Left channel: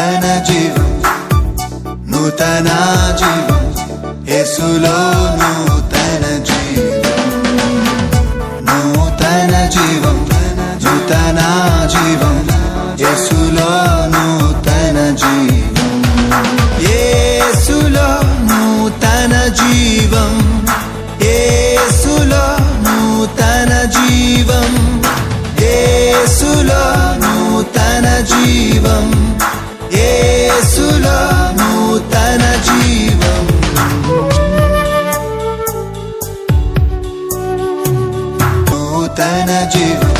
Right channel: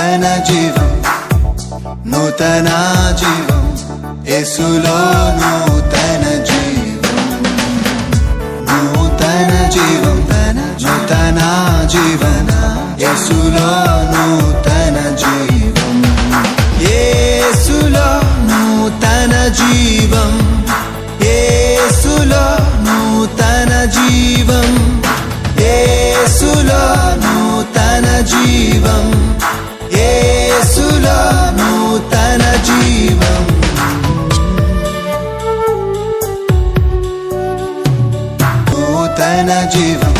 నూతన జీవం, నూతన జీవం, యేసులో నూతన జీవం, నూతన జీవం, నూతన జీవం, యేసులో నూతన జీవం, యేసులో నూతన జీవం, యేసులో నూతన జీవం, యేసులో నూతన జీవం, యేసులో నూతన జీవం, నూతన జీవం,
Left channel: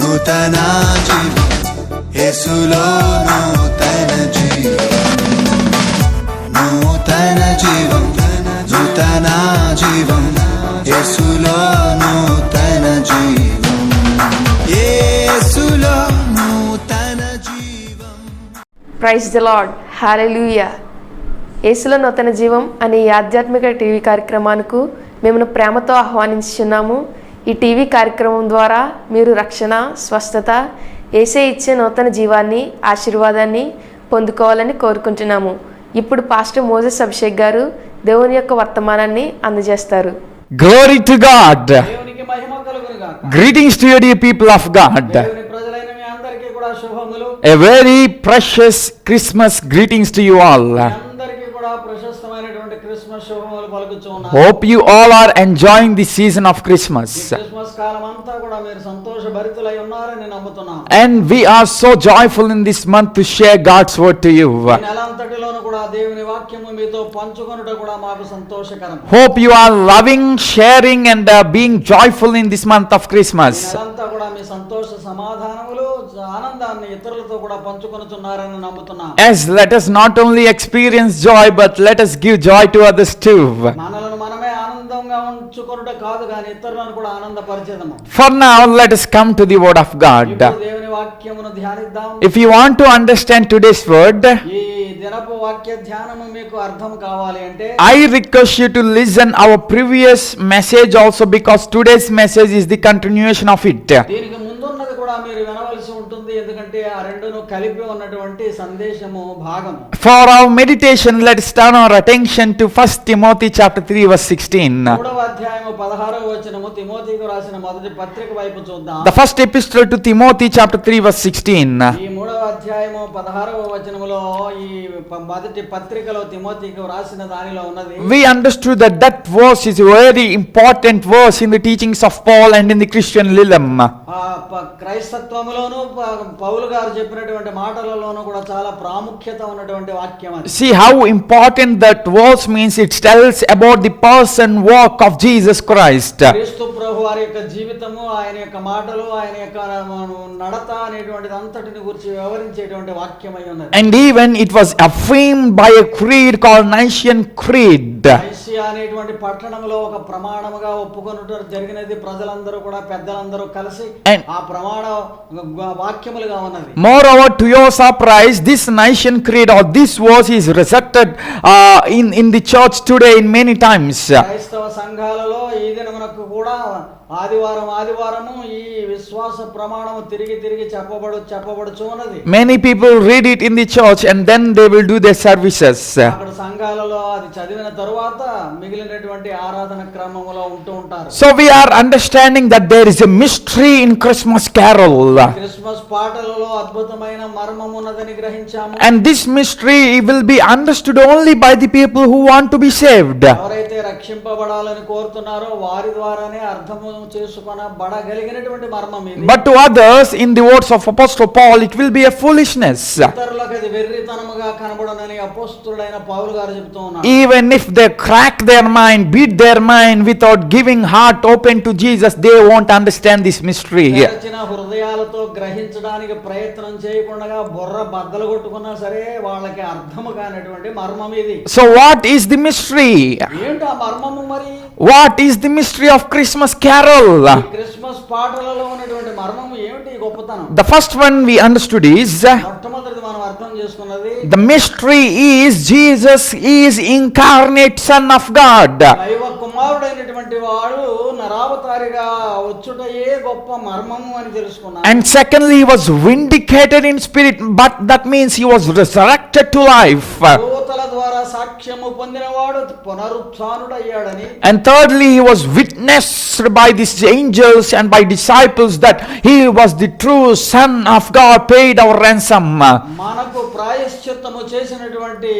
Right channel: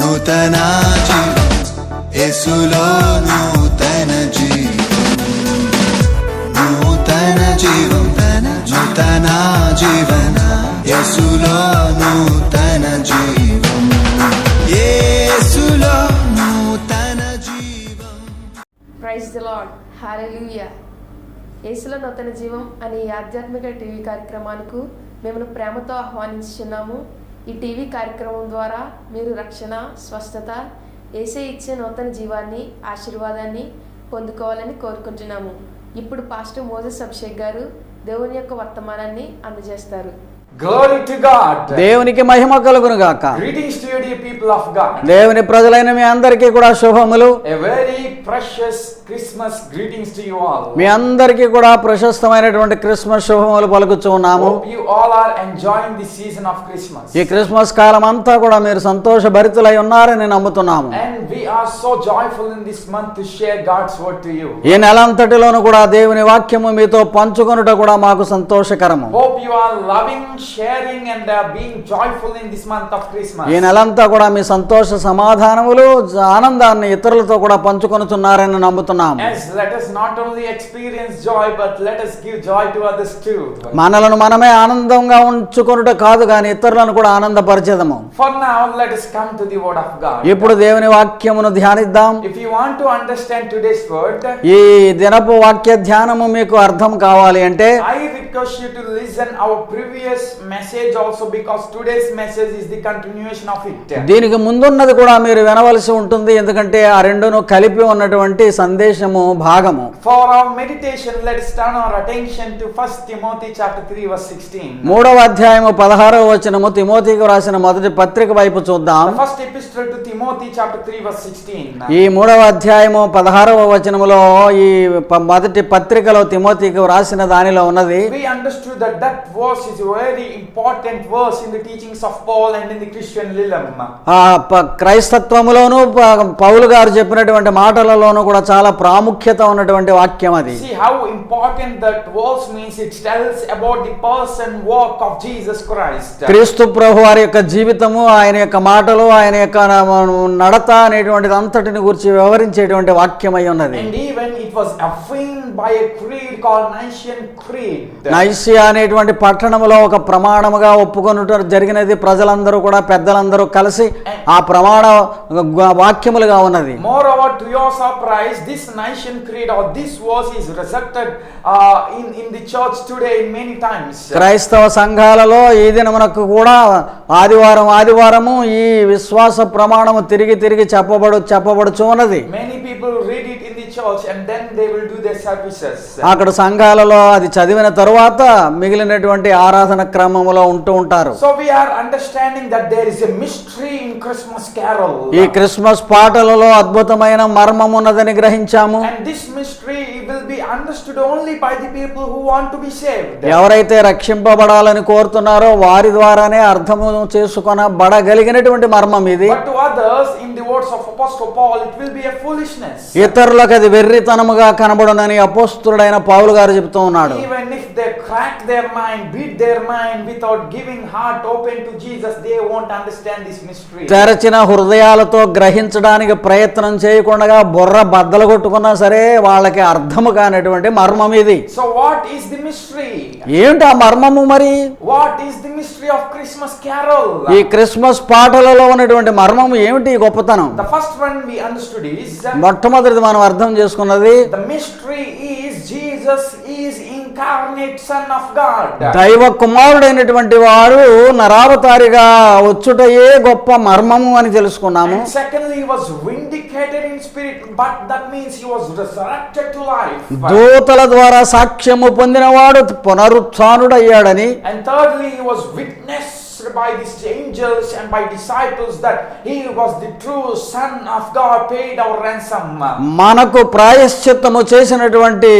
నూతన జీవం, యేసులో నూతన జీవం, నూతన జీవం, నూతన జీవం, యేసులో నూతన జీవం, యేసులో నూతన జీవం. ప్రైజ్ ది లార్డ్, హల్లెలూయా. యేసులో నూతన జీవం అనే ఈ ఆధ్యాత్మిక టీవీ కార్యక్రమానికి మిమ్మల్ని ప్రేమతో ఆహ్వానించుచున్నాము. ఈ టీవీ కార్యక్రమం ద్వారా మీరు రక్షణ, స్వస్థత, యేసే ఇచ్చే నూతన జీవాన్ని, ఆశీర్వాదాన్ని పొందుకోవాలని కోరుకుంటున్నాము. ఇప్పుడు పాస్టర్ మోజెస్ అభిషేక్ గారు దేవుని యొక్క వర్తమానాన్ని అందజేస్తారు. Glory to God. దేవునికి మహిమ కలుగును గాక. Greetings to you, dear people of God. దేవుని ప్రజలైన మీ అందరికీ కూడా శుభములు. A very precious Christmas greetings to you all. మీ అందరికీ కూడా ప్రశస్తమైనటువంటి క్రిస్మస్ శుభములు పలుకుచున్నాము. Hope you all are enjoying the season of Christmas. ఈ క్రిస్మస్ కాలం అంతా కూడా మీరు సంతోషభరితులై ఉన్నారని నమ్ముతున్నాము. And we are so joyful in this month to share God's word to you. ఈ నెలంతటిలోను కూడా దేవుని వాక్యము మీతో పంచుకొనుట కూడా మాకు సంతోషకరము. Hope you are loving, sharing and being joyful in this month of Christmas. ఈ నెలంతా కూడా మీ సంతోష సమాధానములు, ఆనందాన్ని ఇతరులతో కూడా పంచుకొనుచున్నారని నమ్ముతున్నాము. As let us not only experience joy but let us give joy to others too. మనలను మనమే ఆనందంగా ఉంచుకొనుట కాదు గాని ఇతరులను కూడా ఆనందపరిచేదము. For now let us come to the word of God. ఇప్పుడు దేవుని వాక్యమును ధ్యానిద్దాం. If you want to understand today's word, ఈ దినపు వాక్య ధ్యానము మీకు అర్థం కావాలి అంటే I request you to listen our previous message also, because today's message is the continuation of it. దీనికి ముందున్నది కూడా మీరు వినవలసి ఉంటుంది, ఎందుకంటే ఆ రెండును కలిపి ఉన్నటువంటి సందేశము భాగము. For our meditation, let us turn our attention to 1 Timothy chapter 3 verse 16. 3వ అధ్యాయము 16వ వచనము తిమోతికి రాసిన మొదటి పత్రిక వైపు చూద్దాం. The first epistle to Timothy chapter 3 verse 16. ఈ 3వ అధ్యాయము 16వ వచనములో ఈ మొదటి పత్రికలో తిమోతికి రాసిన దానిలో ఉన్నది. We understood that that verse is very important verse in the teachings of Paul and in the Christian Lilam. క్రైస్తత్వములోను పౌలు గారు చెప్పినటువంటి మాటలలోను కూడా చాలా ప్రాముఖ్యత ఉన్నటువంటి వాక్యం అది. See how important that verse means. It tells about the person work of Jesus Christ. క్రీస్తు ప్రభు వారి యొక్క జీవితము, ఆయన యొక్క మాటలు, ఆయన యొక్క నడత అనేటువంటిది అంతటిని గురించి వివరించేటువంటి వాక్యం అయి ఉన్నది. And even it was affirmed by a creed called Nicene Creed. Nicaea అనేటువంటి పట్టణములో ఒక ప్రమాణముగా ఒప్పుకొనుట జరిగినది. ప్రజలందరూ కూడా పెద్దలందరూ కలిసి ఆ ప్రమాణ వాక్యములుగా ఉన్నది. Moreover, to your surprise, this Nicene Creed or this verse is recited in the church today in many times. క్రైస్తవ సంఘాలలో ఈ దినమునకు కూడా ఆదివారము ఈ విశ్వాస ప్రమాణము తిరిగి తిరిగి చెప్పబడుచు ఉన్నది. Many people read it in the church and then they will do their services. అక్కడ సంఘాలలో అది చదివిన తరువాత మిగిలినటువంటి ఆరాధన క్రమములో ఉంటూ ఉంటారు. So we are understanding that there is a mystery in Christmas carol. ఈ క్రిస్మస్ పాటలలో అద్భుతమైన మర్మం ఉన్నదని గ్రహించాము. And this mystery will be understood only by the people who want to be saved. ఎవరైతే రక్షింపబడాలని కోరుతున్నారో వారి ద్వారానే అర్థము చేసుకొనబడగలిగినటువంటి మర్మం ఇది. But to others, in the words of Apostle Paul, it will be a foolishness. ఇతరులకు అది వెర్రితనముగా కనబడునని అపోస్తలుడైన పౌలు గారు చెప్తూ ఉన్నారు. Even if they crack their mind, beat their mind without giving heart open to Jesus, they won't understand this mystery. తెరచిన హృదయాలతో గ్రహించడానికి ప్రయత్నం చేయకుండా బుర్ర బద్దలు కొట్టుకున్నా సరే వాళ్ళకి అర్థము కానటువంటి మర్మం ఇది. So what is the mystery? ఏంటి ఆ మర్మము మరి? What is the mystery of Christmas carol? ఈ క్రిస్మస్ పాటలలో ఉన్నటువంటి మర్మము ఏమిటి గొప్పతనం? The first one we understood is, మొట్టమొదటిది మనం అర్థం చేసుకున్నది, the mystery is Jesus is incarnate Son of God. దైవ కుమారుడు కుమారుడైనటువంటి వారు నరావతారిగా వచ్చుటయే గొప్ప మర్మము అని తెలుసుకున్నాము. And secondly, he was vindicated in spirit, but that means he was resurrected to life. దూతల ద్వారా సాక్ష్యము పొందినవాడు పునరుత్థానుడయ్యాడని. And thirdly, he was witnessed by these angels and by disciples that he was the true Son of God, paid our ransom. మనకు ప్రాయశ్చిత్తము చేసినటువంటి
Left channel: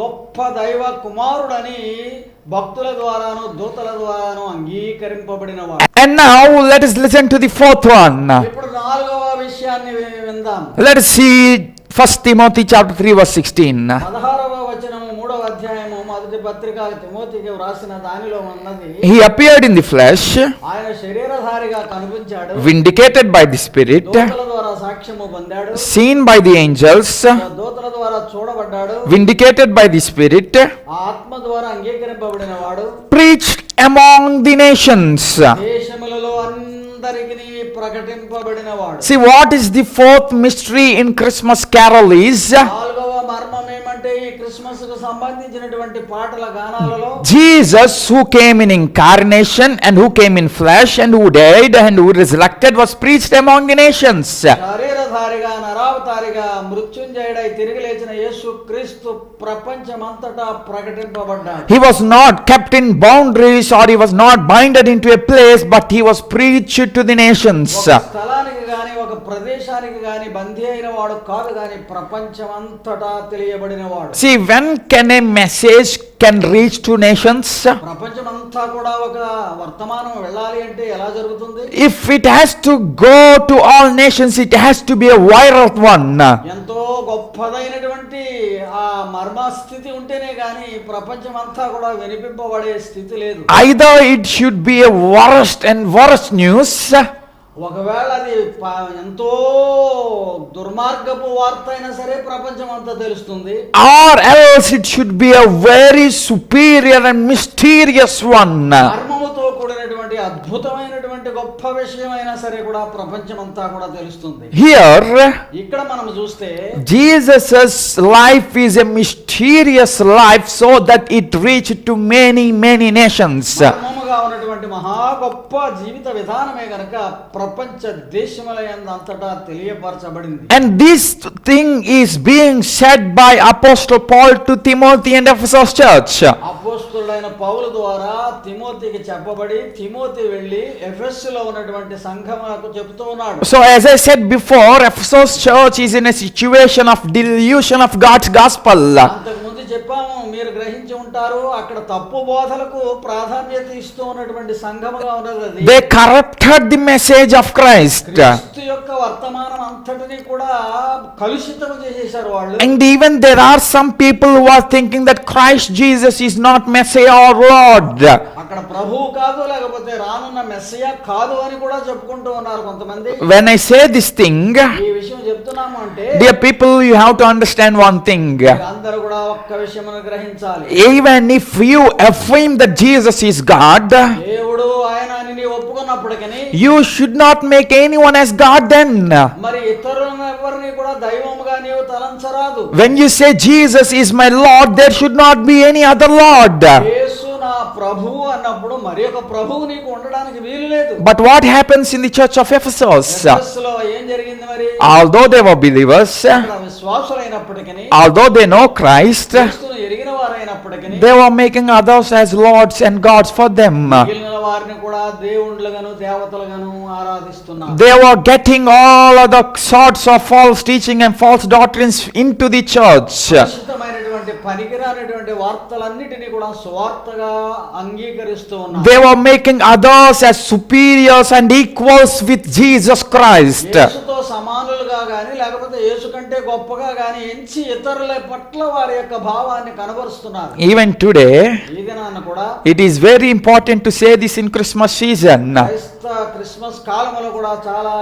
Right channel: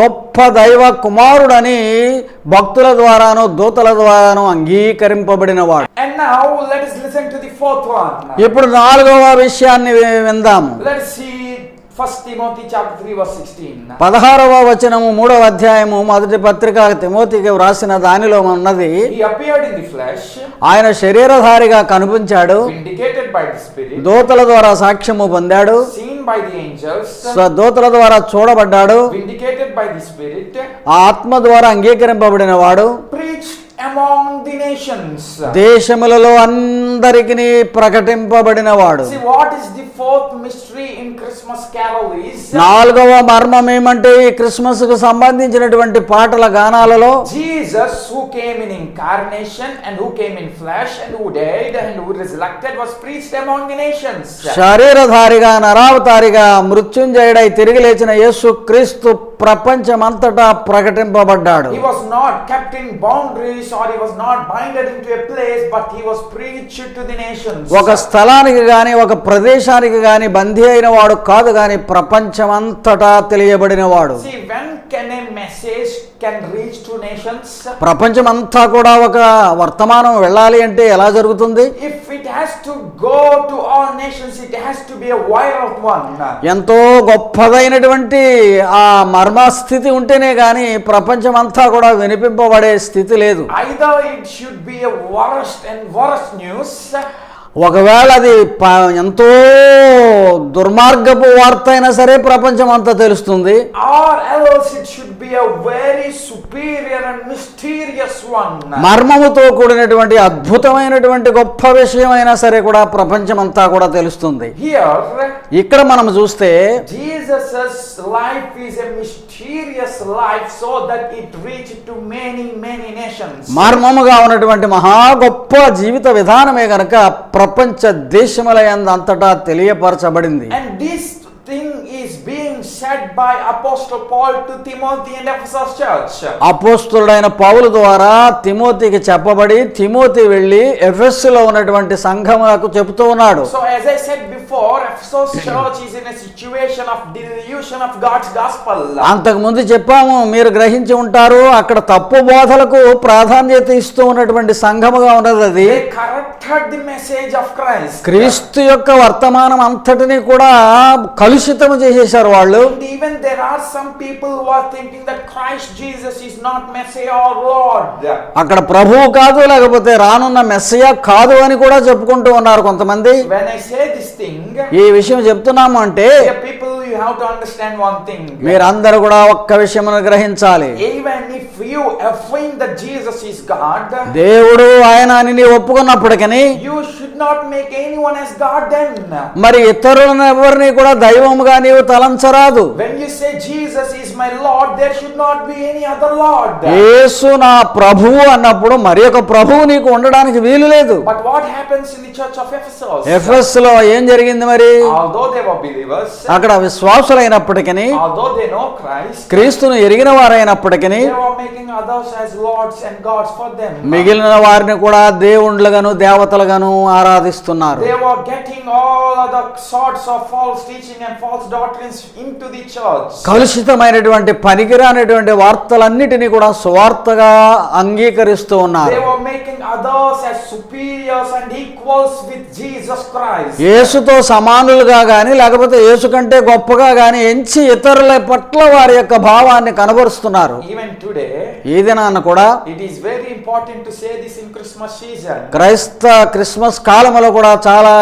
గొప్ప దైవ కుమారుడని భక్తుల ద్వారాను దూతల ద్వారాను అంగీకరింపబడినవాడు. And now let us listen to the fourth one. ఇప్పుడు 4వ విషయాన్ని విందాం. Let us see 1 Timothy chapter 3 verse 16. 16వ వచనము 3వ అధ్యాయము మొదటి పత్రిక తిమోతికి వ్రాసిన దానిలో ఉన్నది. He appeared in the flesh, ఆయన శరీరధారిగా కనిపించాడు, vindicated by the Spirit, దూతల ద్వారా సాక్ష్యము పొందాడు, seen by the angels, దూతల ద్వారా చూడబడ్డాడు, vindicated by the Spirit, ఆత్మ ద్వారా అంగీకరింపబడిన వాడు, preached among the nations. దేశములలో అందరికీ ప్రకటింపబడిన వాడు. See, what is the fourth mystery in Christmas carol is 4వ మర్మం ఏమంటే ఈ క్రిస్మస్ కు సంబంధించినటువంటి పాటల గానాలలో Jesus, who came in incarnation and who came in flesh and who died and who resurrected, was preached among the nations. శరీరధారిగా నరావతారిగా మృత్యుంజయుడై తిరిగి లేచిన యేసు క్రీస్తు ప్రపంచమంతటా ప్రకటింపబడ్డాడు. He was not kept in boundaries or he was not binded into a place, but he was preached to the nations. ఒక స్థలానికి గాని ఒక ప్రదేశానికి గాని బందీ అయిన వాడు కాదు గాని ప్రపంచమంతటా తెలియబడిన వాడు. See, when can a message can reach to nations? ప్రపంచమంతా కూడా ఒక వర్తమానం వెళ్ళాలి అంటే ఎలా జరుగుతుంది? If it has to go to all nations, it has to be a viral one. ఎంతో గొప్పదైనటువంటి ఆ మర్మస్థితి ఉంటేనే గాని ప్రపంచమంతా కూడా వినిపింపబడే స్థితి లేదు. Either it should be a worst and worst news, ఒకవేళ అది ఎంతో దుర్మార్గపు వార్త అయినా సరే ప్రపంచం అంతా తెలుస్తుంది, or else it should be a very superior and mysterious one. మర్మముతో కూడినటువంటి అద్భుతమైనటువంటి గొప్ప విషయం అయినా సరే కూడా ప్రపంచం అంతా కూడా తెలుస్తుంది. Here, ఇక్కడ మనం చూస్తే Jesus' life is a mysterious life so that it reached to many nations. మర్మముగా ఉన్నటువంటి మహా గొప్ప జీవిత విధానమే గనక ప్రపంచ దేశములందు అంతటా తెలియపరచబడింది. And this thing is being said by Apostle Paul to Timothy and Ephesus church. అపోస్తలుడైన పౌలు ద్వారా తిమోతికి చెప్పబడి తిమోతి వెళ్ళి ఎఫెసులో ఉన్నటువంటి సంఘములకు చెబుతూ ఉన్నాడు. So as I said before, Ephesus church is in a situation of delusion of God's gospel. అంతకు ముందు చెప్పాము, మీరు గ్రహించి ఉంటారు, అక్కడ తప్పు బోధలకు ప్రాధాన్యత ఇస్తూ ఉన్నటువంటి సంఘముగా ఉన్నది అది. They corrupted the message of Christ. క్రీస్తు యొక్క వర్తమానం అంతటిని కూడా కలుషితము చేసేశారు వాళ్ళు. And even there are some people who are thinking that Christ Jesus is not Messiah or Lord. అక్కడ ప్రభువు కాదు లేకపోతే రానున్న మెస్సయా కాదు అని కూడా చెప్పుకుంటూ ఉన్నారు కొంతమంది. When I say this thing, ఈ విషయం చెప్తున్నాము అంటే dear people, you have to understand one thing. మీరందరూ కూడా ఒక్క విషయమును గ్రహించాలి. Even if you affirm that Jesus is God, దేవుడు ఆయన అని నీవు ఒప్పుకున్నప్పటికీ you should not make anyone as God then. మరి ఇతరులను ఎవరిని కూడా దైవముగా నీవు తలంచరాదు. When you say Jesus is my Lord, there should not be any other Lord. యేసు నా ప్రభువు అన్నప్పుడు మరి ఒక ప్రభువు నీకు ఉండడానికి వీలు లేదు. But what happens in the church of Ephesus? ఎఫెసులో ఏం జరిగింది మరి? Although they were believers, అక్కడ విశ్వాసులైనప్పటికీ although they know Christ, క్రీస్తును ఎరిగిన వారైనప్పటికీ they were making others as lords and gods for them. మిగిలిన వారిని కూడా దేవుళ్ళుగాను దేవతలుగాను ఆరాధిస్తున్నారు. They were getting all other sorts of false teaching and false doctrines into the church. కలుషితమైనటువంటి పనికిరానటువంటి వార్తలన్నిటినీ కూడా సువార్తగా అంగీకరిస్తూ ఉన్నారు. They were making others as superiors and equals with Jesus Christ. యేసుతో సమానులుగా గాని లేకపోతే యేసు కంటే గొప్పగా గాని ఎంచి ఇతరుల పట్ల వారి యొక్క భావాన్ని కనబరుస్తున్నారు. Even today, ఈ దినాన కూడా it is very important to say this in Christmas season. క్రైస్త క్రిస్మస్ కాలం కాలంలో కూడా చాలా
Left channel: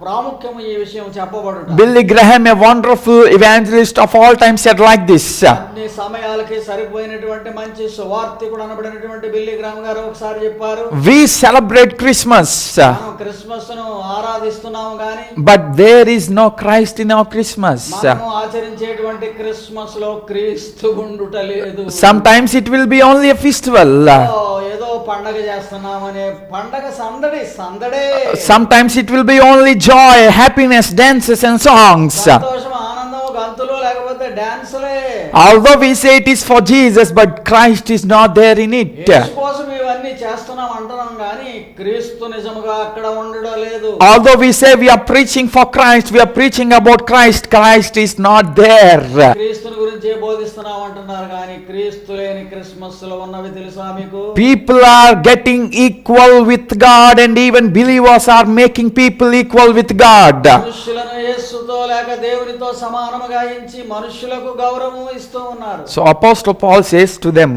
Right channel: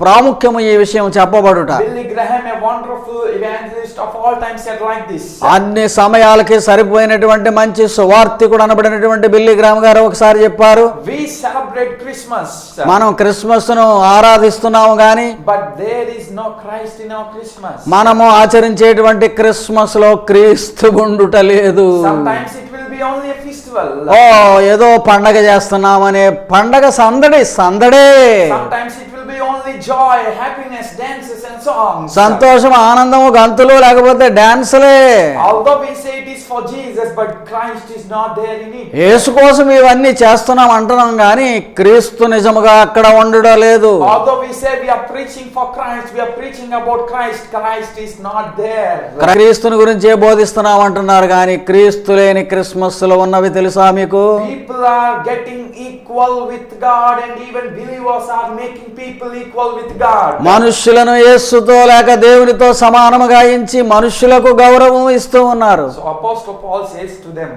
ప్రాముఖ్యము ఈ విషయం చెప్పబడుట. Billy Graham, a wonderful evangelist of all time, said like this. అన్ని సమయాలకి సరిపోయినటువంటి మంచి సువార్తికుడు అనబడినటువంటి బిల్లీ గ్రామ్ గారు ఒకసారి చెప్పారు, We celebrate Christmas, మనం క్రిస్మస్ ను ఆరాధిస్తున్నాము గాని but there is no Christ in our Christmas. మనము ఆచరించేటువంటి క్రిస్మస్ లో క్రీస్తు గుండుట లేదు. Sometimes it will be only a festival. ఏదో పండగ చేస్తున్నామనే పండగ సందడే. Sometimes it will be only joy, happiness, dances and songs. సంతోషం, ఆనందము, గంతులు, లేకపోతే డాన్సులే. Although we say it is for Jesus, but Christ is not there in it. యేసు కోసం ఇవన్నీ చేస్తున్నాం అంటున్నాం గాని క్రీస్తు నిజముగా అక్కడ ఉండడం లేదు. Although we say we are preaching for Christ, we are preaching about Christ, Christ is not there. క్రీస్తుని గురించే బోధిస్తున్నాం అంటున్నారు గాని క్రీస్తు లేని క్రిస్మస్ లో ఉన్నవి తెలుసా మీకు? People are getting equal with God, and even believers are making people equal with God. మనుషులను యేసుతో లేక దేవునితో సమానముగా ఎంచి మనుషులకు గౌరవం ఇస్తూ ఉన్నారు. So Apostle Paul says to them,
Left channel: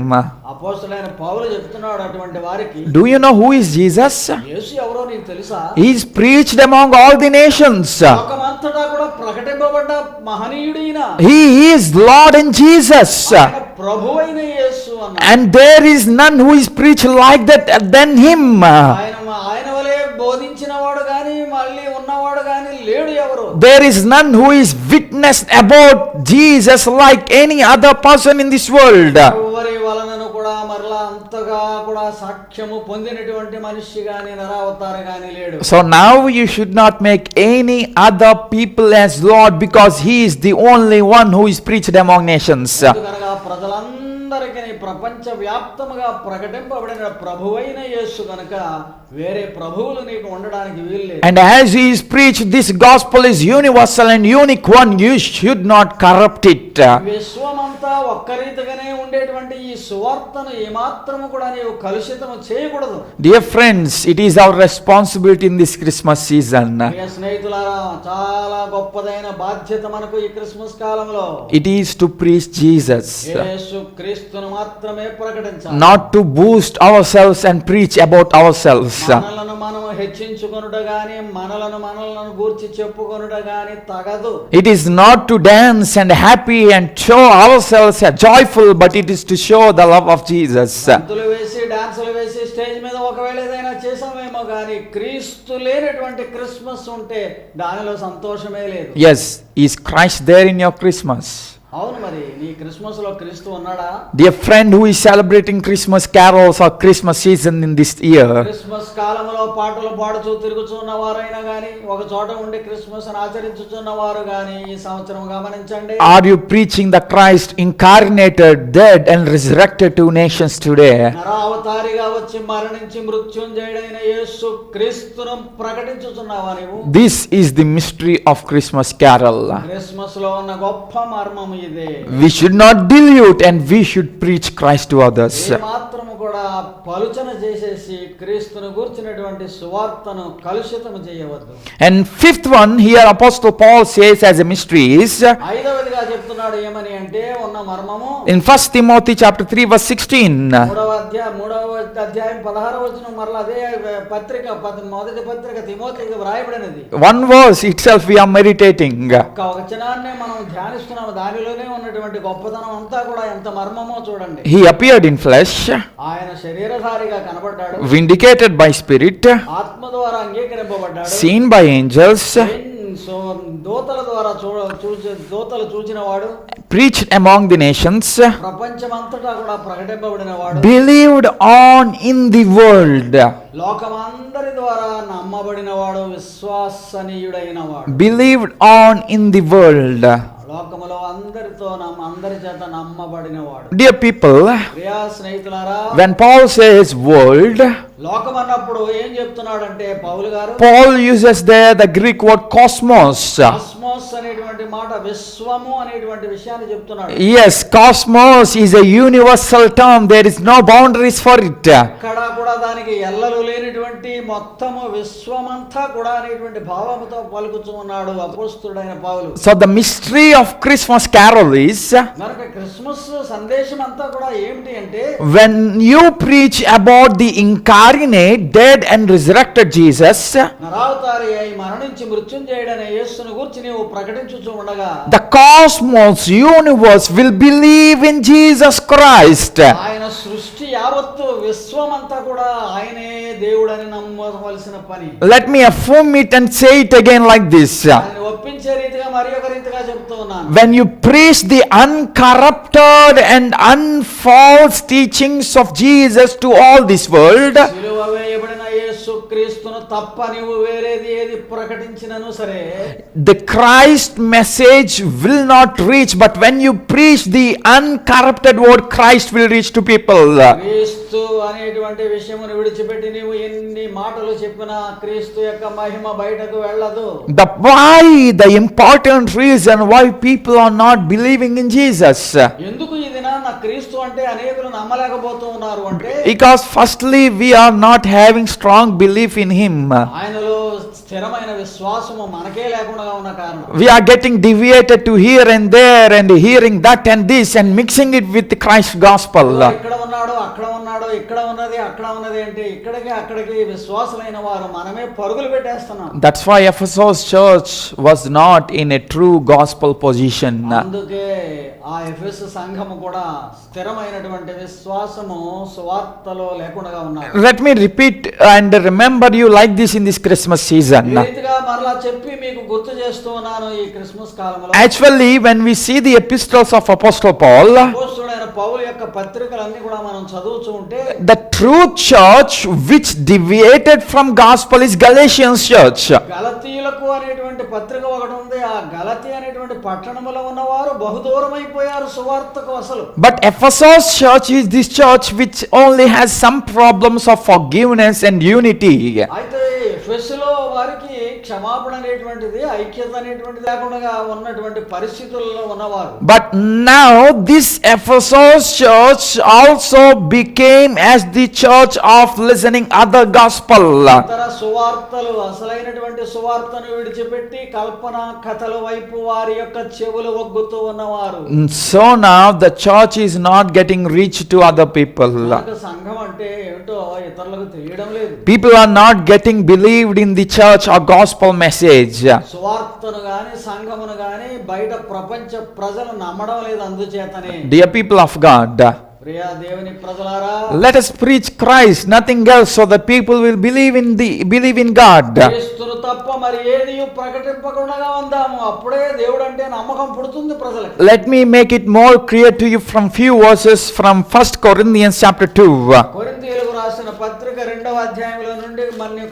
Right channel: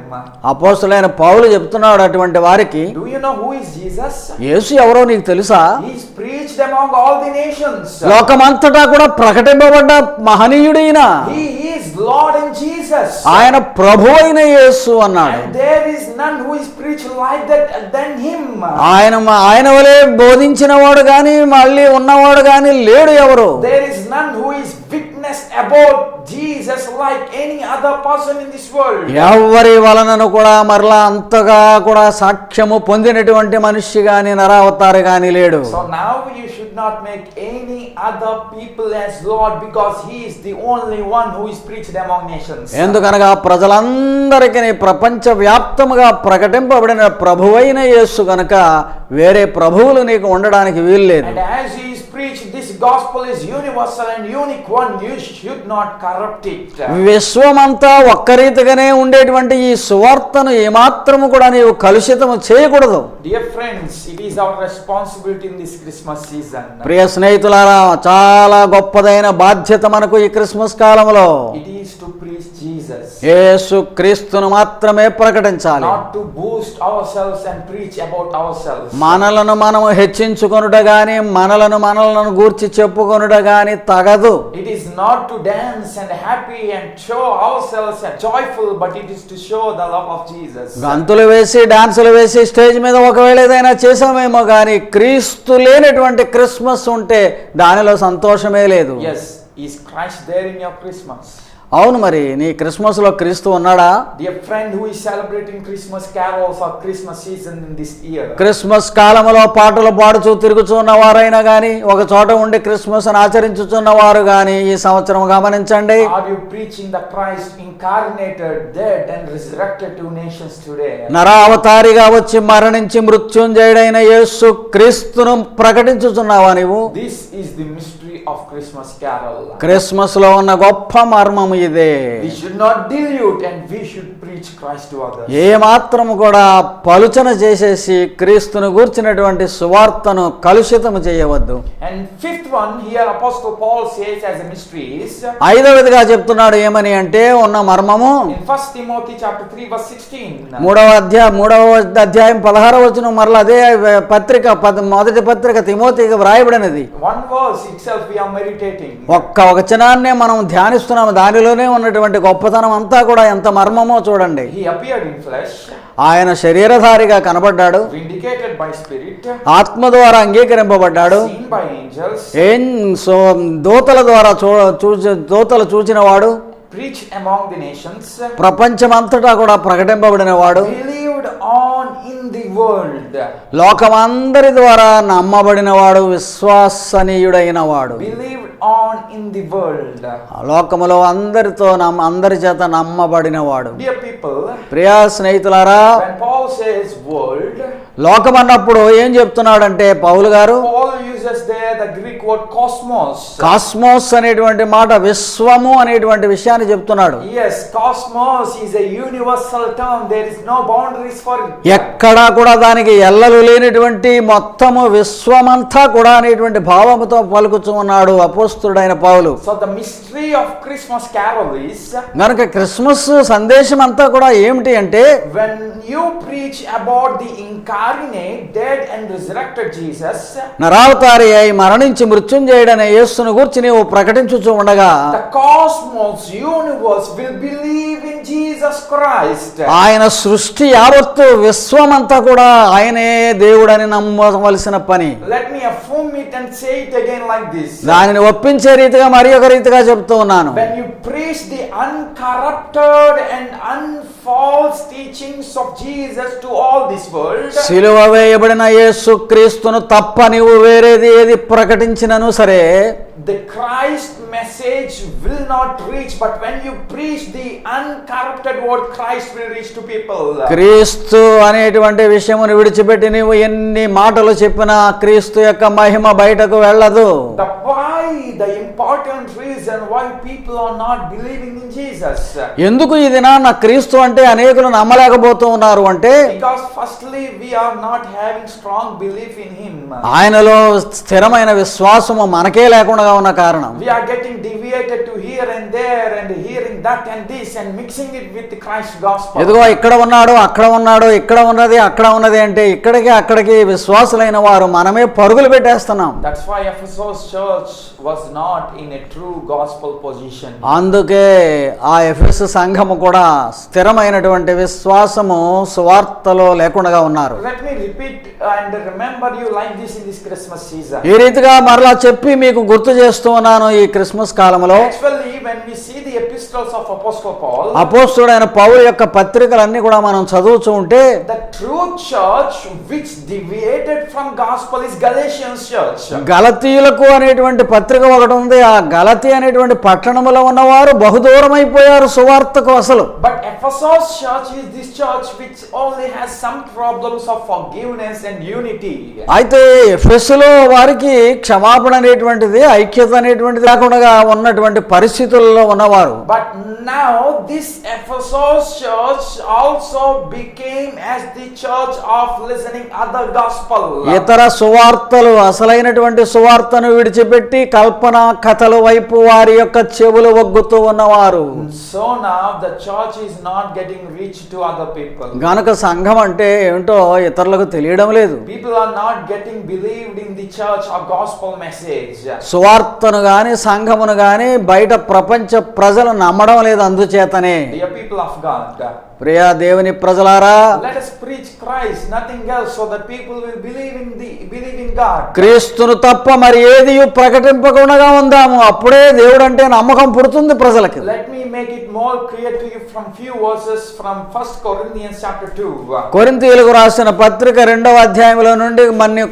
అపోస్తలుడైన పౌలు చెప్తున్నాడు అటువంటి వారికి, do you know who is Jesus? యేసు ఎవరో నీకు తెలుసా? He is preached among all the nations. లోకమంతటా కూడా ప్రకటింపబడ్డ మహనీయుడైన He is Lord and Jesus. ఆయన ప్రభు అయిన యేసు అన్నాడు. And there is none who is preached like that than him. ఆయన వలె బోధించిన వాడు గాని మళ్ళీ ఉన్నవాడు గాని లేడు ఎవరు. There is none who is witnessed about Jesus like any other person in this world. ఎవరి వలనను కూడా మరలా అంతగా కూడా సాక్ష్యము పొందినటువంటి మనిషి గాని నరావతారు గాని లేడు. So now you should not make any other people as Lord, because he is the only one who is preached among nations. ఎందుకనగా ప్రజలందరికీ ప్రపంచ వ్యాప్తముగా ప్రకటింపబడిన ప్రభువైన యేసు గనుక వేరే ప్రభువులు నీకు ఉండడానికి వీల్లేదు. And as he is preached, this gospel is universal and unique one. You should not corrupt it. విశ్వమంతా ఒక్కరీతిగానే ఉండేటువంటి ఈ సువార్తను ఏమాత్రము కూడా నీవు కలుషితము చేయకూడదు. Dear friends, it is our responsibility in this Christmas season. ప్రియ స్నేహితులారా, చాలా గొప్పదైన బాధ్యత మనకు ఈ క్రిస్మస్ కాలంలో. It is to preach Jesus. యేసు క్రీస్తును మాత్రమే ప్రకటించాలి. Not to boost ourselves and preach about ourselves. మనలను మనము హెచ్చించుకొనుట గాని మనలను గూర్చి చెప్పుకొనుట గాని తగదు. It is not to dance and happy and show ourselves joyful, but it is to show the love of Jesus. గంతులు వేసి డాన్సులు వేసి స్టేజ్ మీద ఒకవేళ ఏదైనా చేసామేమో గాని క్రీస్తు లేనటువంటి క్రిస్మస్ ఉంటే దానిలో సంతోషమే లేదు. Yes, is Christ there in your Christmas? అవును, మరి నీ క్రిస్మస్ లో క్రీస్తు ఉన్నాడా? Dear friend who is celebrating Christmas carols or Christmas season in this year, Christmas కాలంలో పాటలు పాడుచూ తిరుగుతున్న వారైనా గాని ఒక చోట ఉండి క్రిస్మస్ ఆచరించుతున్న వారు గాని ఈ సంవత్సరం గమనించండి. are you preaching the Christ incarnated, dead and resurrected to nations today? నరావతారిగా వచ్చి మరణించి మృత్యుంజయుడైన యేసు క్రీస్తును ప్రకటించుచున్నావా నీవు? This is the mystery of Christmas carol. Christmas లో ఉన్న గొప్ప మర్మము ఇదే. We should not dilute and we should preach Christ to others. ఏ మాత్రము కూడా పలుచన చేసేసి క్రీస్తును గూర్చినటువంటి సువార్తను కలుషితము చేయవద్దు. And fifth one here Apostle Paul says as a mystery is, ఐదవదిగా చెప్తున్నాడు ఏమని అంటే ఉన్న మర్మము in 1 Timothy chapter 3 verse 16. మూడవ అధ్యాయం 16వ వచనం మరలా అదే పత్రిక మొదటి పత్రిక తిమోతికి వ్రాయబడినది. One verse itself we are meditating. ఒక్క వచనాన్నే మనం ధ్యానిస్తున్నాము. దానిలోనే ఉన్నటువంటి గొప్పతనం అంతా కూడా ఎంత మర్మమో చూడండి. He appeared in flesh, ఆయన శరీరధారిగా కనబడ్డాడు, vindicated by spirit, ఆత్మ ద్వారా అంగీకరింపబడ్డాడు, seen by angels, దూతలు చూచిన వాడు, preached among the nations, ప్రపంచమంతటా కూడా ప్రకటింపబడిన వాడు, believed on in the world, లోకమందరి ద్వారా నమ్మబడిన వాడు, విశ్వసనీయుడైన వాడు, believed on in the world. లోకములో అందరి చేత నమ్మబడిన వాడు. Dear people, ప్రియా స్నేహితులారా, when Paul says world, లోకం అన్నప్పుడు ఏం చెప్తున్నాడంటే పౌలు గారు, Paul uses there the Greek word cosmos. Cosmos అనేటువంటి మాట విశ్వము అనేటువంటి విషయాన్ని అని చెప్తున్నాడు. Yes, cosmos is a universal term. There is no boundaries for it. ఎక్కడా కూడా దానికి ఎల్లలు లేనటువంటి మొత్తము విశ్వమంతా కూడా అనేటువంటి భావముతో పలుకుతూ ఉన్నాడు అపోస్తలుడైన పౌలు. So the mystery of Christmas carol is, కనుక క్రిస్మస్ సందేశం అంతా కూడా ఏమిటి అంటే, when you preach about the incarnate, dead and resurrected Jesus, నరావతారి అయి మరణించి మృత్యుంజయుడైన యేసును గురించి నీవు ప్రకటించుచూ ఉండగా the cosmos universe will believe in Jesus Christ. ఆయన సృష్టి యావత్తు విశ్వమంతా కూడా ఆయనే దేవుడని నమ్మవలసిన పని. Let me affirm it and say it again like this. దానిని ఒప్పించే రీతిగా మరి ఒక రీతిగా చెప్తూ ఉన్నాను. When you preach the uncorrupted and unfalse teachings of Jesus to all this world, సిలువ వేయబడిన యేసు క్రీస్తును తప్ప నీవు వేరేది ఏది ప్రకటించినను సరే, the Christ message will not reach, but when you preach the uncorrupted word, Christ will reach to people. క్రీస్తు అనేటువంటి విషయమును విడిచిపెట్టి నీవు ఎన్ని మాటలు చెప్పినా క్రీస్తు యొక్క మహిమ బయటకు వెళ్ళదు. The important reason why people are not believing in Jesus, ఎందుకు ఈ దినాన క్రీస్తు అంటే అనేకులు నమ్మలేకపోతూ ఉన్నారు అంటే, because firstly we are not having strong belief in him. ఆయనలో స్థిరమైన విశ్వాసము మనకే లేకుండా ఉన్న కారణం. We are getting deviated to here and there and hearing that and this and mixing it with the Christ gospel. ఇదిగో ఇక్కడ ఉన్నాడు, అక్కడ ఉన్నాడు, ఇక్కడ ఉన్నది, అక్కడ ఉన్నది అంటే ఇక్కడికి అక్కడికి విశ్వాసులైన వారు మనమే పరుగులు పెట్టేస్తున్నాం. That's why Ephesus church was not in a true gospel position. అందుకే ఆ ఎఫెసు సంఘము కూడా స్థిరమైనటువంటి విశ్వాసము సువార్తలో లేకుండా ఉన్నారు. Let me repeat and remember you like this in this Christmas season. ఈ రీతిగా మరలా చెప్పి మీకు గుర్తు చేస్తూ ఉన్నాను ఈ క్రిస్మస్ కాలంలో. Actually, when we see the epistles of Apostle Paul, అపోస్తలుడైన పౌలు యొక్క పత్రికలన్నీ కూడా మనం చదువుతూ ఉంటే, the true church which deviated from gospel is Galatians church. గలతీయులకు అనేటువంటి పత్రిక ఒకటి ఉంది. ఆ గలతీ అనేటువంటి పట్టణములో ఉన్నవారు బహుదూరం అయిపోయారు సువార్తకు అసలు. But Ephesus church is this church which only has some problems of forgiveness and unity. అయితే ఎఫెసులో వారికి క్షమాపణ అనేటువంటిది, ఐక్యత అనేటువంటిది లేకుండా ఉన్నటువంటి పరిస్థితుల్లో ఉన్నవారు. But now this Ephesus church also became as the church of listening other gospel. ఇతర సువార్తలు, అసలైనటువంటి సువార్తను విడిచిపెట్టి కల్పన కథల వైపు వారి యొక్క చెవులు ఒగ్గుతూ ఉన్నవారు. So now the church is not getting reached to other people. గనుక సంఘం అంటే ఏమిటో ఇతరులకు తెలియడం లేదు. People are not getting believed in the church or gospel message. సువార్తను గాని సంఘమును గాని బయట ప్రపంచ ప్రజలు నమ్మడం లేదు. అందుచేతనే Dear people of God, Priya దేవుని ప్రజలారా, let us preach Christ, nothing else, so that people will believe in God. క్రీస్తును తప్ప మరి ఏది ప్రకటింపకుండా ఉందాము. అప్పుడే దేవుడు అంటే నమ్మకం పుడుతుంది ప్రజలకి. Let me make it more clear to you from few verses from 1 Corinthians chapter 2. కొరింథీయులకు రాసిన పత్రిక 2వ అధ్యాయంలో నుండి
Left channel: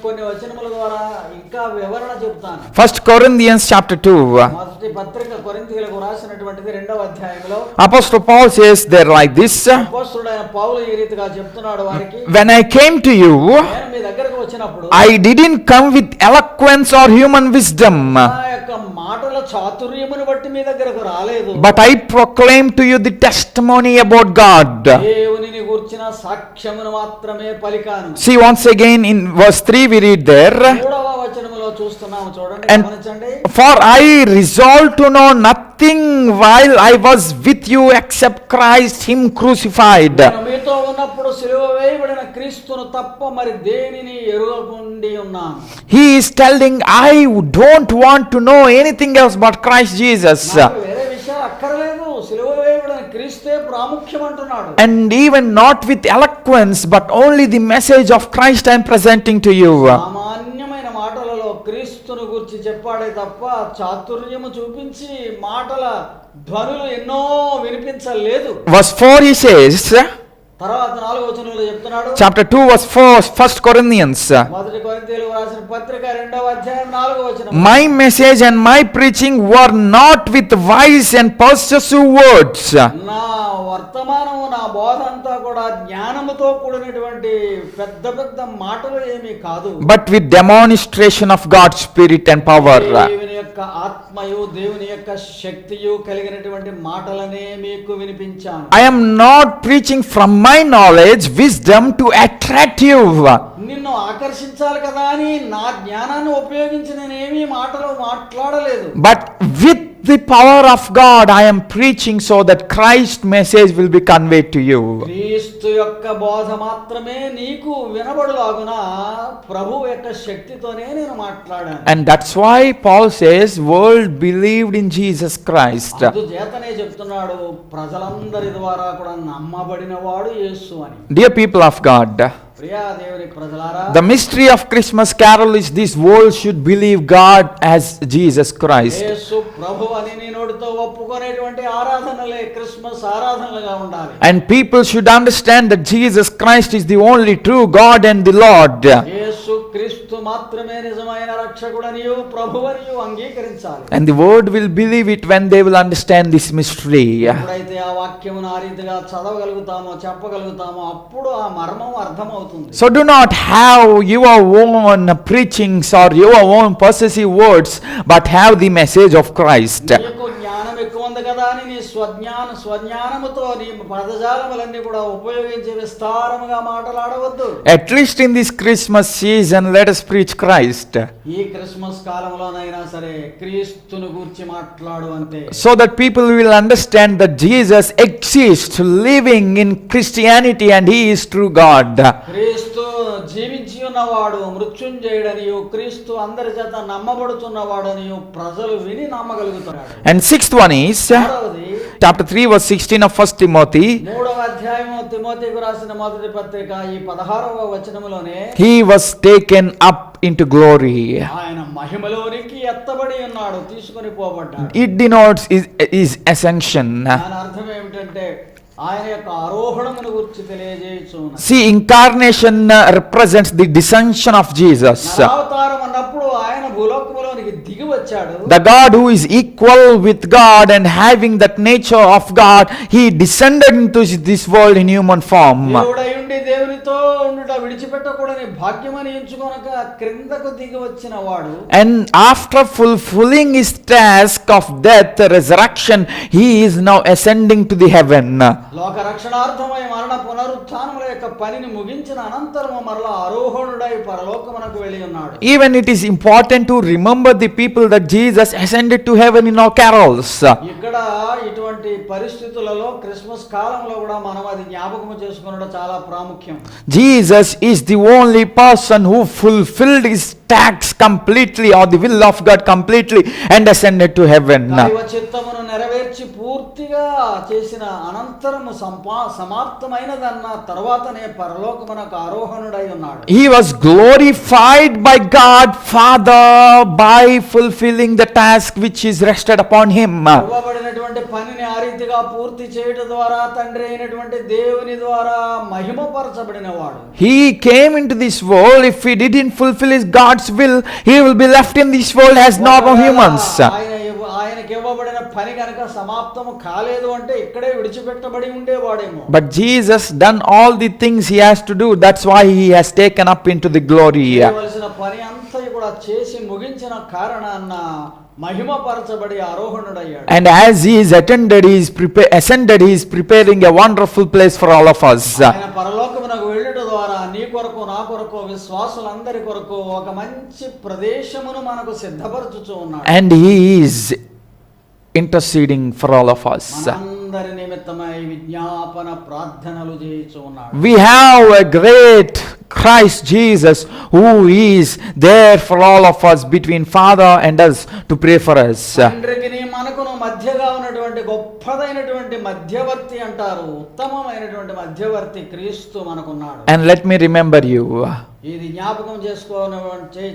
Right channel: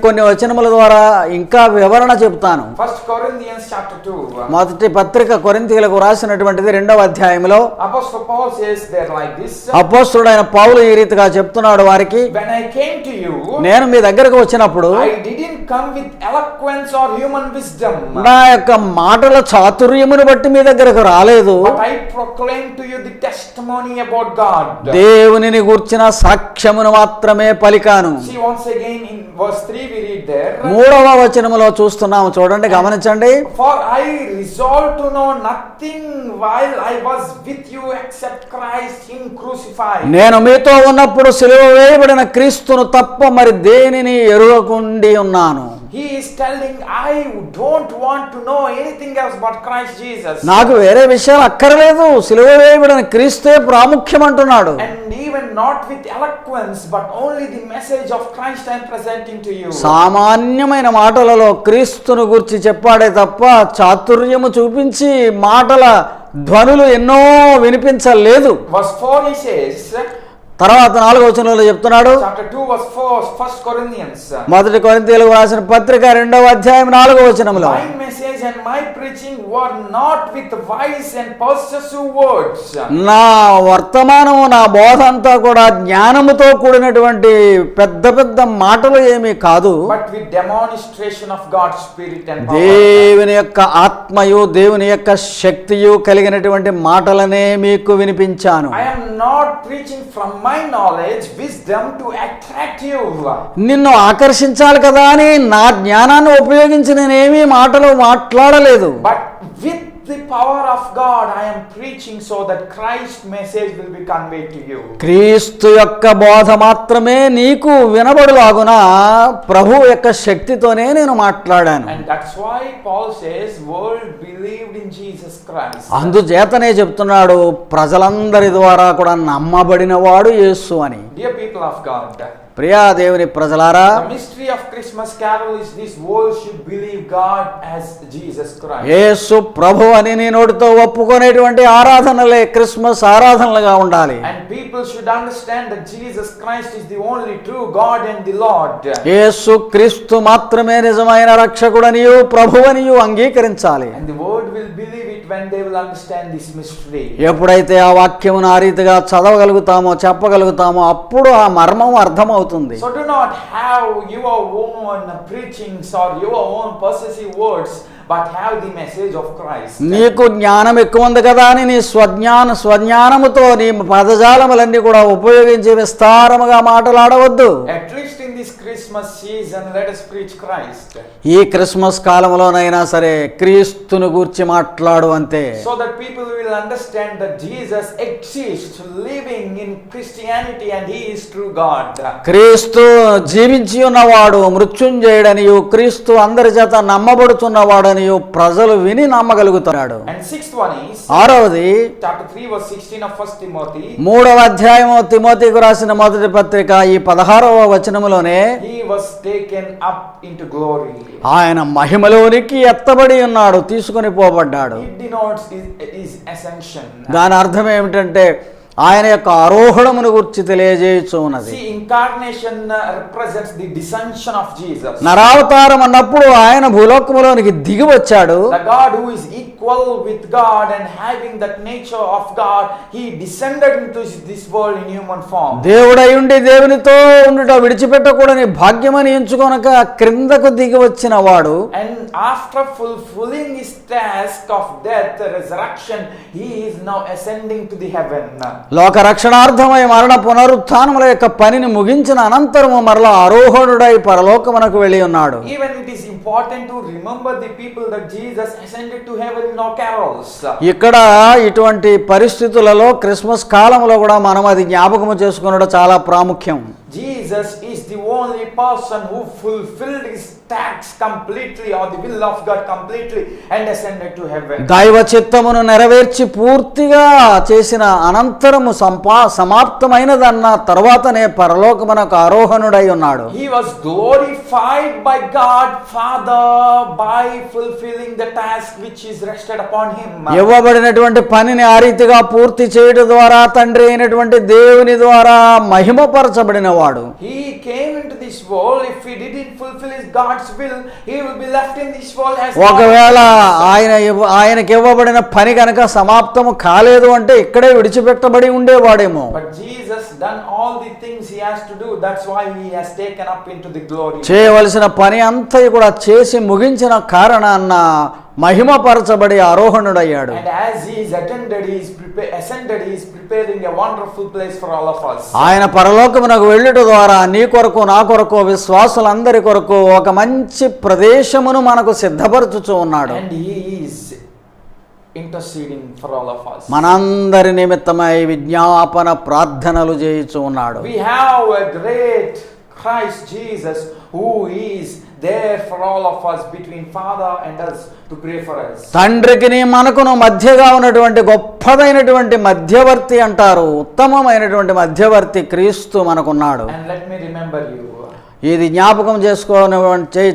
కొన్ని వచనముల ద్వారా ఇంకా వివరణ చెప్తాను. 1 Corinthians chapter 2. మొదటి పత్రిక కొరింథీయులకు రాసినటువంటిది 2వ అధ్యాయంలో Apostle Paul says there like this. అపోస్తలుడైన పౌలు ఈ రీతిగా చెప్తున్నాడు వారికి, when I came to you, నేను మీ దగ్గరకు వచ్చినప్పుడు I didn't come with eloquence or human wisdom, నా యొక్క మాటల చాతుర్యమును బట్టి మీ దగ్గరకు రాలేదు, but I proclaimed to you the testimony about God. దేవునిని గూర్చిన సాక్ష్యమును మాత్రమే పలికాను. See, once again in verse 3 we read there, 3వ వచనములో చూస్తున్నాము, చూడండి, గమనించండి. For I resolved to know nothing while I was with you except Christ him crucified. నేను మీతో ఉన్నప్పుడు సిలువ వేయబడిన క్రీస్తును తప్ప మరి దేనిని ఎరుగకుండి ఉన్నాను. He is telling, I don't want to know anything else but Christ Jesus. నాకు వేరే విషయాలు అక్కర్లేదు, సిలువ వేయబడిన క్రీస్తే ప్రాముఖ్యం అంటున్నాడు. And even not with eloquence, but only the message of Christ I am presenting to you. సామాన్యమైన మాటలలో క్రీస్తును గురించి చెప్పాడే తప్ప చాతుర్యము చూపించి మాటల ధ్వనులు ఎన్నో వినిపించలేదు. Verse 4 he says, తర్వాత 4వ వచనంలో చెప్తున్నాడు, Chapter 2 verse 4, 1 Corinthians. మొదటి కొరింథీయులకు రాసిన పత్రిక 2వ అధ్యాయం 4వ వచనం, My message and my preaching were not with wise and persuasive words, నా వర్తమానము నా బోధ అంతా కూడా జ్ఞానముతో కూడినటువంటి పెద్ద పెద్ద మాటలు ఏమీ కాదు, but with demonstration of God's spirit and power. దేవుని యొక్క ఆత్మయు దేవుని యొక్క శక్తియు కలిగినటువంటి మాటలనే మీకు వినిపించాను. I am not preaching from my knowledge, wisdom to attract you. నిన్ను ఆకర్షించాలి కదా అని నా జ్ఞానాన్ని ఉపయోగించి నేనేమీ మాటలు మాట్లాడలేదు, But with the power of God, I am preaching so that Christ's message will be conveyed to you. క్రీస్తు యొక్క బోధ మాత్రమే నీకు వినబడులాగున ప్రభు యొక్క శక్తితోనే నేను మాట్లాడాను. And that's why Paul says, world believed in Jesus Christ. అందుచేతనే చెప్తున్నాడు, ప్రజలందరి ద్వారా కూడా నమ్మబడిన వాడు యేసు అని. Dear people of God, Priya దేవుని ప్రజలారా, the mystery of Christmas carol is this world should believe God as Jesus Christ. యేసు ప్రభు అని నీ నోటితో ఒప్పుకునేటువంటి ఆరాధనలే క్రిస్మస్ ఆరాధనలుగా ఉండాలి. And people should understand that Jesus Christ is the only true God and the Lord. యేసు క్రీస్తు మాత్రమే నిజమైన రక్షకుడనియు ప్రభువనియు అంగీకరించాలి. And the world will believe it when they will understand this mystery. ఎప్పుడైతే ఆ వాక్యమును ఆ రీతిగా చదవగలుగుతామో చెప్పగలుగుతామో అప్పుడు ఆ మర్మం అర్థమవుతుంది. So do not have your own preachings or your own possessive words, but have the message of Christ. నీకు జ్ఞానం ఎక్కువ ఉంది కదా అని నీ స్వజ్ఞానముతో నీ పదజాలములన్నీ కూడా ఉపయోగించి విస్తారముగా మాట్లాడవద్దు. At least in this Christmas season, let us preach Christ. ఈ క్రిస్మస్ కాలంలోనైనా సరే క్రీస్తును గూర్చి మాట్లాడు అంతే. So that people will understand that Jesus exists, living in Christianity, and He is true God. క్రీస్తు జీవించి ఉన్నవాడు, మృత్యుంజయుడనియు, క్రీస్తు అందరి చేత నమ్మబడుతున్నవాడనియు ప్రజలు విని నమ్మగలుగుతున్నాడు. And sixth one is ఆరవది chapter 3 verse 16 of 1 Timothy. 3వ అధ్యాయము తిమోతికి రాసిన మొదటి పత్రిక ఈ 16వ వచనములోనే, He was taken up into glory. ఆయన మహిమలోనికి ఎత్తబడి ఉన్నాడు, తీసుకొని పోబడ్డాడు. It denotes his ascension. దాని అర్థం ఏమిటంటే ఆయన యొక్క ఆరోహణమును గురించి తెలియజేయచ్చు ఉన్నది. See, incarnation represents the descension of Jesus. నరావతారం అన్నప్పుడు ఆయన భూలోకములోనికి దిగి వచ్చాడు. The God who is equal with God and having that nature of God, He descended into this world in human form. దేవుడై ఉండి దేవునితో ఉండుట విడిచిపెట్టకూడని భాగ్యమని ఎంచుకొనక క్రిందకు దిగి వచ్చిన వాడు. And after fulfilling His task of death, resurrection, He is now ascending to the heaven. లోక రక్షణార్థమై మరణ పునరుత్థానముల యొక్క పనిని ముగించిన అనంతరము మరలా ఆరోహణుడై పరలోకమునకు వెళ్ళి ఉన్నాడు. Even it is important to remember the people that Jesus ascended to heaven in our carols. ఇక్కడ ఇటువంటి పరిస్థితులలో క్రిస్మస్ కాలంలో కూడా మనం అది జ్ఞాపకము చేసుకునడం చాలా ప్రాముఖ్యం. Jesus is the only person who fulfilled his task completely, or the will of God completely, and ascended to heaven. దైవ చిత్తమును నెరవేర్చి పూర్తిగా చేసిన అనంతరము సమాప్తమైనదన్న తర్వాతనే పరలోకమునకు ఆరోహణుడై ఉన్నాడు. He was glorified by God Father by fulfilling the task which is rested upon him. ఇవ్వబడినటువంటి పనిని ఆ రీతిగా పూర్తి చేయడం ద్వారా తండ్రి అయినటువంటి దేవుని ద్వారా మహిమపరచబడిన వాడు. He came into this world. If he didn't fulfill his God's will, he will be left in this world as normal humans. ఆయనకి ఇవ్వబడిన పని కనుక సమాప్తము కాలేదు అంటే ఇక్కడే విడిచిపెట్టబడి ఉండేవాడేమో. But Jesus done all the things he has to do. That's why he has taken up into the glory. చేయవలసిన పని అంతా కూడా చేసి ముగించిన కారణాన్న మహిమపరచబడి ఆరోహణుడయ్యాడు. And as he is ascended, he is preparing a wonderful place for all of us. ఆయన పరలోకమునకు వెళ్ళుట ద్వారా నీ కొరకు నా కొరకు విశ్వాసులందరి కొరకు ఒక మంచి ప్రదేశమును మనకు సిద్ధపరచుచూ ఉన్నాడు. And he is interceding for all of us. మనందరి నిమిత్తమై విజ్ఞాపన ప్రార్థనలు చేయుచూ ఉన్నాడు. We have a great Christ Jesus, who is there for all of us, between Father and us, to pray for us. తండ్రికి మనకును మధ్యగా ఉన్నటువంటి గొప్పదైనటువంటి మధ్యవర్తి అంటారు. ఉత్తమమైనటువంటి మధ్యవర్తి క్రీస్తు మనకున్నాడు. And let me remember you, ఇది జ్ఞాపకం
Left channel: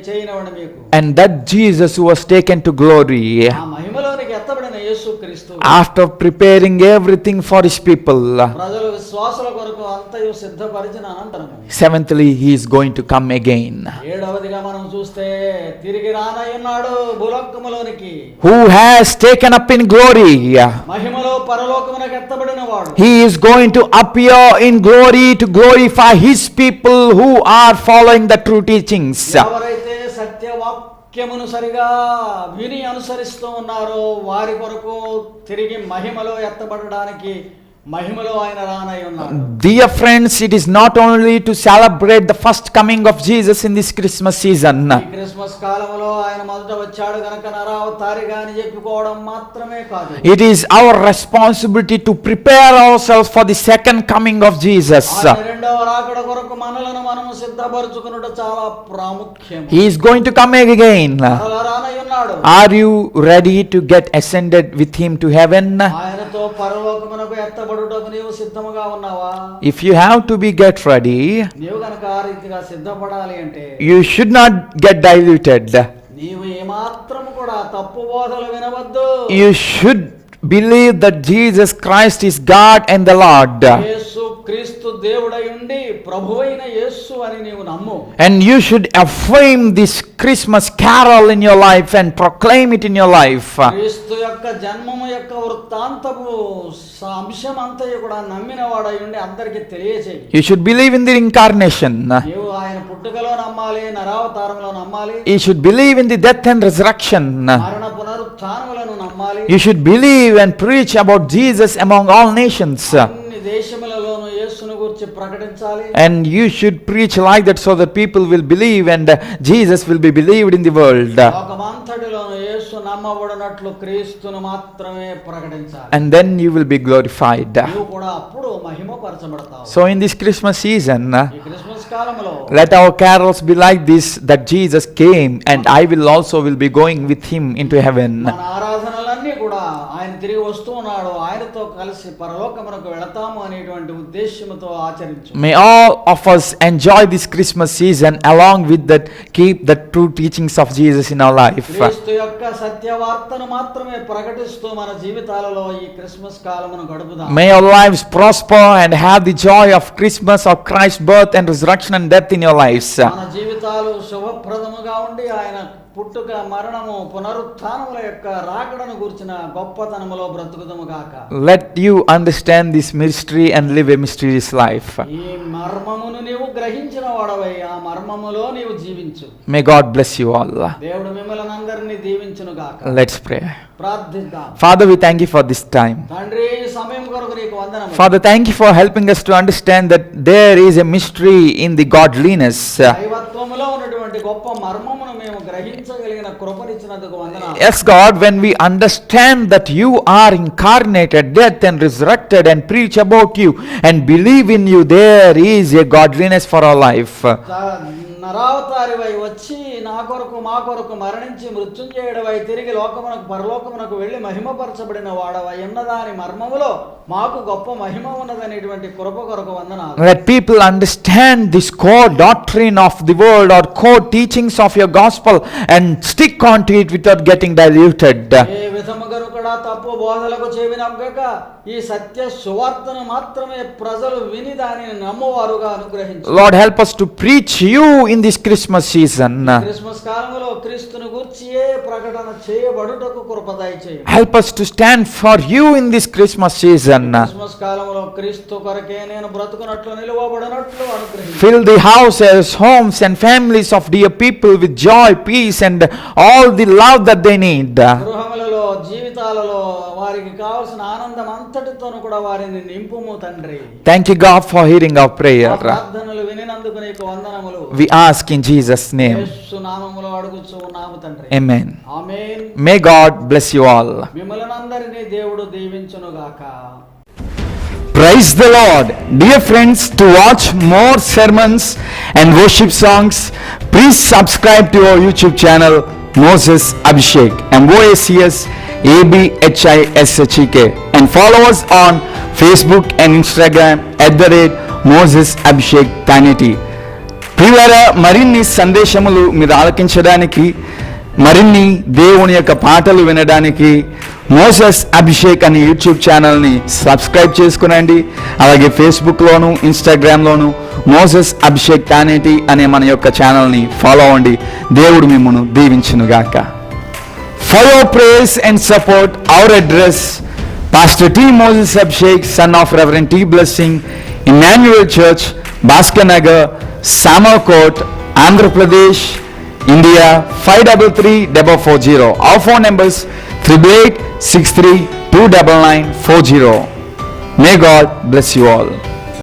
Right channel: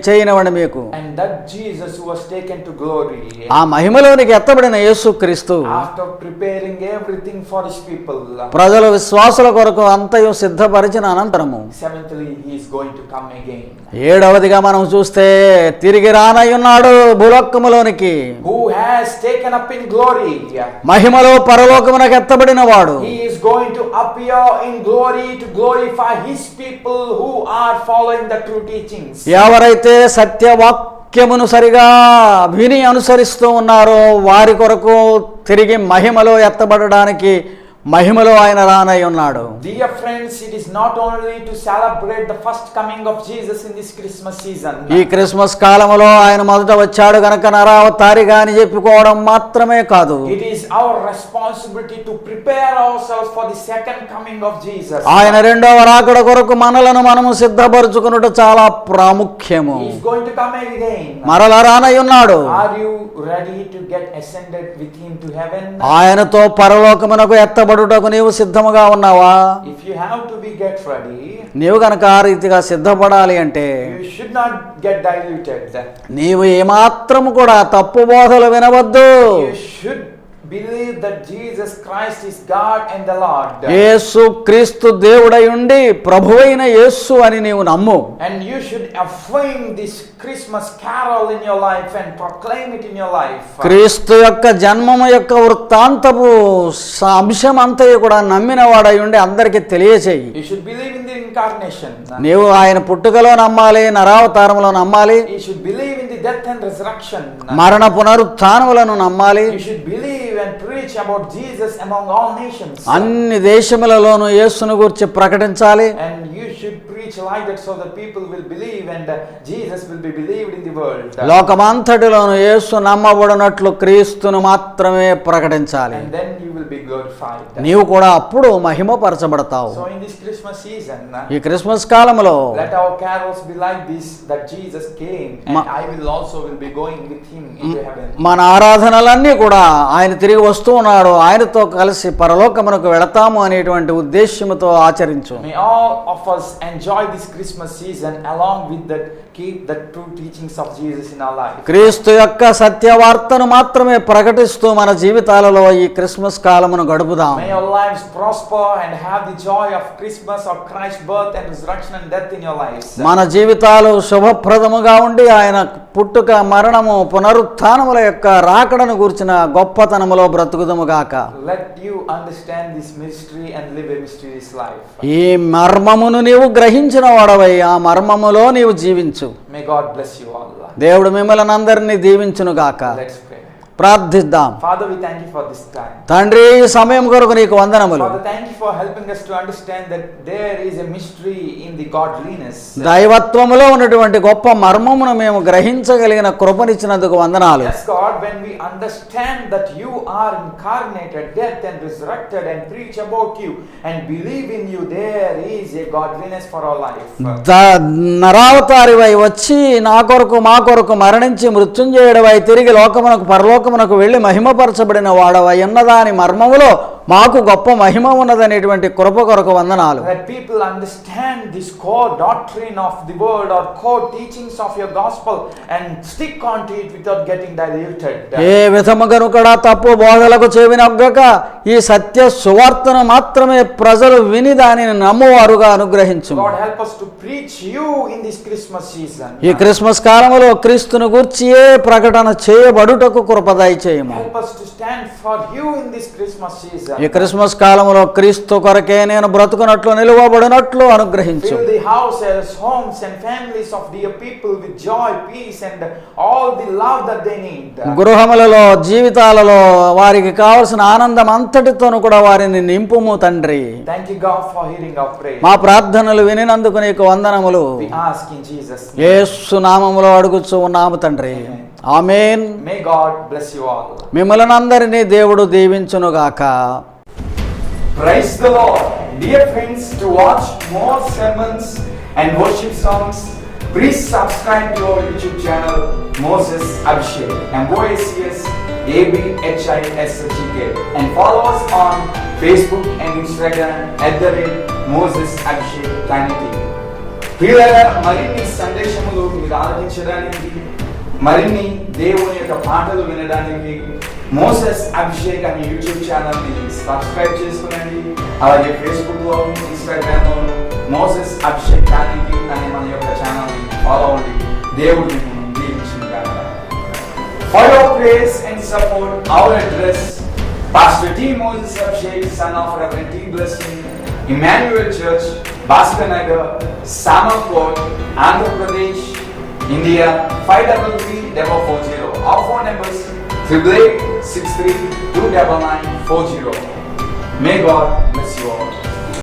చేయనివ్వండి మీకు. and that Jesus who was taken to glory, ఆ మహిమలోనికి ఎత్తబడిన యేసుక్రీస్తు after preparing everything for his people, ప్రజల విశ్వాసుల కొరకు అంతయు సిద్ధపరిచిన అనంతరము, seventhly, he is going to come again. ఏడవదిగా మనం చూస్తే తిరిగి రానయ్యున్నాడు భూలోకములోనికి. Who has taken up in glory, మహిమలో పరలోకమునకు ఎత్తబడిన వాడు. he is going to appear in glory to glorify his people who are following the true teachings. ఎవరైతే సత్యవాక్యమును సరిగా విని అనుసరిస్తూ ఉన్నారో వారి కొరకు తిరిగి మహిమలో ఎత్తబడడానికి మహిమలో ఆయన రానై ఉన్నాడు. Dear friends, it is not only to celebrate the first coming of Jesus in this Christmas season. ఈ క్రిస్మస్ కాలములో ఆయన మొదట వచ్చాడు గనక నరావతారిగా అని చెప్పుకోవడం మాత్రమే కాదు. It is our responsibility to prepare ourselves for the second coming of Jesus. ఆయన రెండవ రాకడ కొరకు మనలను మనము సిద్ధపరచుకొనుట చాలా ప్రాముఖ్యము. He is going to come again. మరలా రానై ఉన్నాడు. Are you ready to get ascended with him to heaven? ఆయనతో పరలోకమునకు ఎత్తబడుటకు నీవు సిద్ధముగా ఉన్నావా? If you have to get ready, నీవు గనక ఆ రీతిగా సిద్ధపడాలి అంటే you should not get diluted. నీవు ఏమాత్రము కూడా తప్పు బోధలు వినవద్దు. You should believe that Jesus Christ is God and the Lord. యేసు క్రీస్తు దేవుడై ఉండి ప్రభువైన యేసు అని నీవు నమ్ము. And you should affirm this Christmas carol in your life and proclaim it in your life. క్రీస్తు యొక్క జన్మము యొక్క వృత్తాంతపు అంశం అంతయు కూడా నమ్మిన వాడై ఉండి అందరికి తెలియచేయి. You should believe in the incarnation. నీవు ఆయన పుట్టుకలో నమ్మాలి, నరావతారములో నమ్మాలి. You should believe in the death and resurrection. మరణ పునరుత్థానములను నమ్మాలి. You should believe and preach about Jesus among all nations. అన్ని దేశములలోనూ యేసును గురించి ప్రకటించాలి. And you should preach like that so that people will believe and Jesus will be believed in the world. లోకమంతటిలోనూ యేసు నమ్మబడినట్లు క్రీస్తును మాత్రమే ప్రకటించాలి. And then you will be glorified. నీవు కూడా అప్పుడు మహిమపరచబడతావు. So in this Christmas season, ఈ క్రిస్మస్ కాలములో let our carols be like this, that Jesus came and I will also will be going with him into heaven. మన ఆరాధనలన్నీ కూడా ఆయన తిరిగి వస్తూ ఉన్నాడు, ఆయనతో కలిసి పరలోకమునకు వెళతాము అనేటువంటి ఉద్దేశ్యముతో ఆచరించు. May all of us enjoy this Christmas season along with that, keep the true teachings of Jesus in our life. క్రీస్తు యొక్క సత్యవార్తను మాత్రమే ప్రకటిస్తూ మన జీవితాలలో ఈ క్రిస్మస్ కాలమును గడుపుదాం. May our lives prosper and have the joy of Christmas, of Christ's birth and resurrection and death in your lives. మన జీవితాలు శుభప్రదముగా ఉండి ఆయన పుట్టుక, మరణము, పునరుత్థానముల యొక్క రాకడను గురించిన గొప్పతనములో బ్రతుకుదము గాక. Let you understand this mystery and live a mysterious life. ఈ మర్మమును నీవు గ్రహించిన వాడవై ఆ మర్మములో నీవు జీవించు. May God bless you all. దేవుడు మిమ్మల్ని అందరినీ దీవించును గాక. Let's pray. ప్రార్థిద్దాం. Father, we thank you for this time. తండ్రి, ఈ సమయం కొరకు నీకు వందనములు. Father, thank you for helping us to understand that there is a mystery in the godliness. దైవత్వములో ఉన్నటువంటి గొప్ప మర్మమును మేము గ్రహించగలిగిన కృపనిచ్చినందుకు వందనాలు. Yes, God, when we understand that you are incarnated, dead and resurrected, and preach about you and believe in you, there is a godliness for our life. నరావతారివై వచ్చి నా కొరకు మా కొరకు మరణించి మృత్యుంజయుడవై తిరిగి లోకమునకు పరలోకమునకు వెళ్ళి మహిమపరచబడిన వాడవై ఉన్నదాని మర్మములో మాకు గొప్ప మహిమ ఉన్నదనేటువంటి కృప కొరకు వందనాలు. Let people understand this core doctrine of the world or core teachings of your gospel and stick on to it without getting diluted. ఏ విధముగాను కూడా తప్పు బోధలకు చెవినొగ్గక ఈ సత్య సువార్తను మాత్రమే ప్రజలు విని దానిని నమ్మువారుగా అనుగ్రహించు. Lord, help us to preach you in this Christmas season. ఈ క్రిస్మస్ కాలములో క్రీస్తును గూర్చియే ప్రకటన చేయబడుటకు కృప దయచేయము. Help us to stand for you in this Christmas season. ఈ క్రిస్మస్ కాలములో క్రీస్తు కొరకే నేను బ్రతుకునట్లు నిలువబడినట్లు అనుగ్రహించు. Fill the houses, homes and families of dear people with joy, peace and all the love that they need. గృహములలో, జీవితాలలో వారికి కావలసిన ఆనందం అంతటితోను కూడా వారిని నింపుము తండ్రి. Thank you, God, for hearing our prayer. మా ప్రార్థనలు వినినందుకు నీకు వందనములు. We ask in Jesus' name. యేసు నామములో అడుగుచు ఉన్నాము తండ్రి. Amen. Amen. May God bless you all. మిమ్మల్ని అందరినీ దేవుడు దీవించును గాక. Praise the Lord. Dear friends, to watch more sermons and worship songs, please subscribe to our YouTube channel Moses Abhishek, MOACS ABHISHEK, and follow us on Facebook and Instagram @Moses Abhishek Tanity. ప్రియులారా, మరిన్ని సందేశములు మీరు ఆలకించడానికి, మరిన్ని దేవుని యొక్క పాటలు వినడానికి Moses Abhishek అనే YouTube ఛానల్ని సబ్స్క్రైబ్ చేసుకునండి. అలాగే ఫేస్బుక్లోను ఇన్స్టాగ్రామ్లోను మోసెస్ అభిషేక్ తానేటి అనే మన యొక్క ఛానల్ని ఫాలో అవ్వండి. దేవుడు మిమ్మల్ని దీవించునుగాక. For your praise and support, our address, Pastor T. Moses Abhishek, son of Reverend T. Blessing, Emmanuel Church, Bhaskar Nagar, Samalkot, Andhra Pradesh, India 533440. Our phone numbers 8863 29940. May God bless you all.